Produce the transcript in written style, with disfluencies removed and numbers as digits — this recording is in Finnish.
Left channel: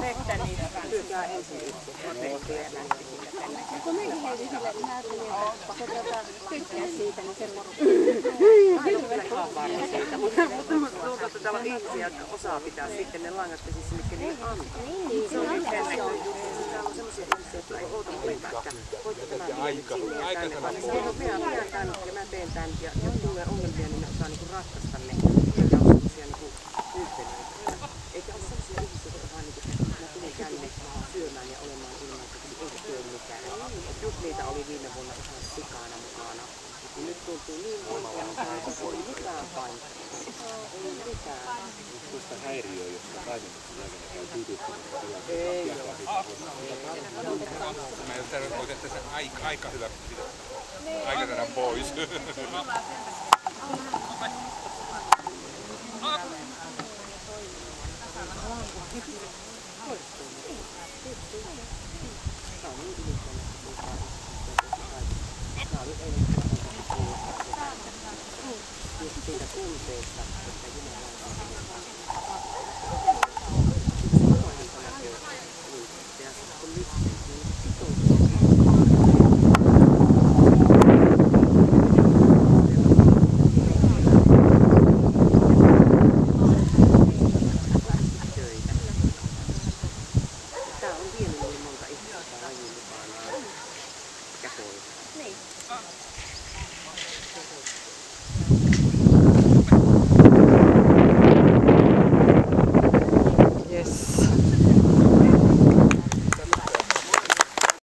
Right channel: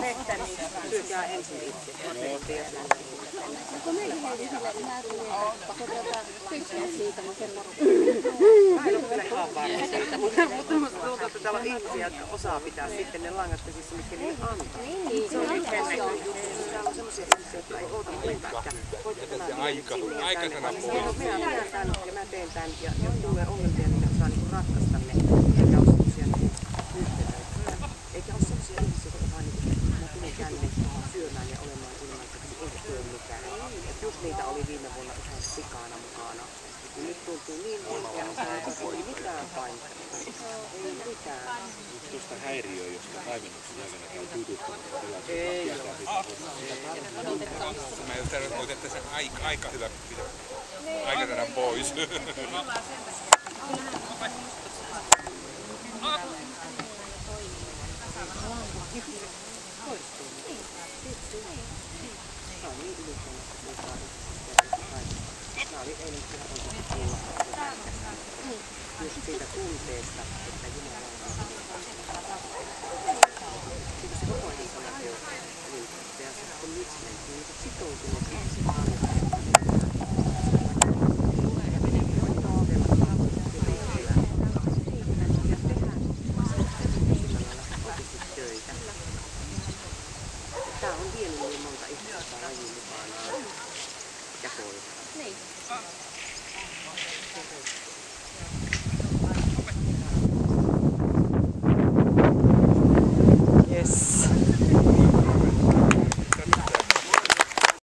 Vettä niitä syökää ensin itse. Kun mekin heitin sille, että mä tulin, että tykkää siitä, niin se Mutta täällä on ihmisiä, jotka osaa pitää sitten ne langat käsissä, mitkä ne antaa. Se on yhden näköinen juttu. Täällä on semmoisia ihmisiä, jotka ei oota mulle pätkä. Voitko tämä viedä sinne ja tänne? Minä tänne ja mä teen tän. Ja jos tulee ongelmia, niin ne osaa ratkaista ne. Eikä ole semmoisia yhtenäitä. Eikä ole semmoisia ihmisiä, jotka vaan mä tulin tänne syömään ja olemaan ilmaiseksi, eikä tee mitään. Just niitä oli viime vuonna ihan sikana mukana. Nyt tuntuu niin oikealta, että ei mitään painetta. Ei mitään. Tuosta häiriöä, josta taimennuksen aikana käy tyydyttämättä tilanteessa. Ei Mä en tarvitse, että se aika hyvä pitää. Aika saadaan pois. Siitä tunteesta, että Jumala on ja kun nyt niin sitoutuu. Tää on vienyt niin monta ihmistä lajiin mukanaan. Ja koiraa. Niin.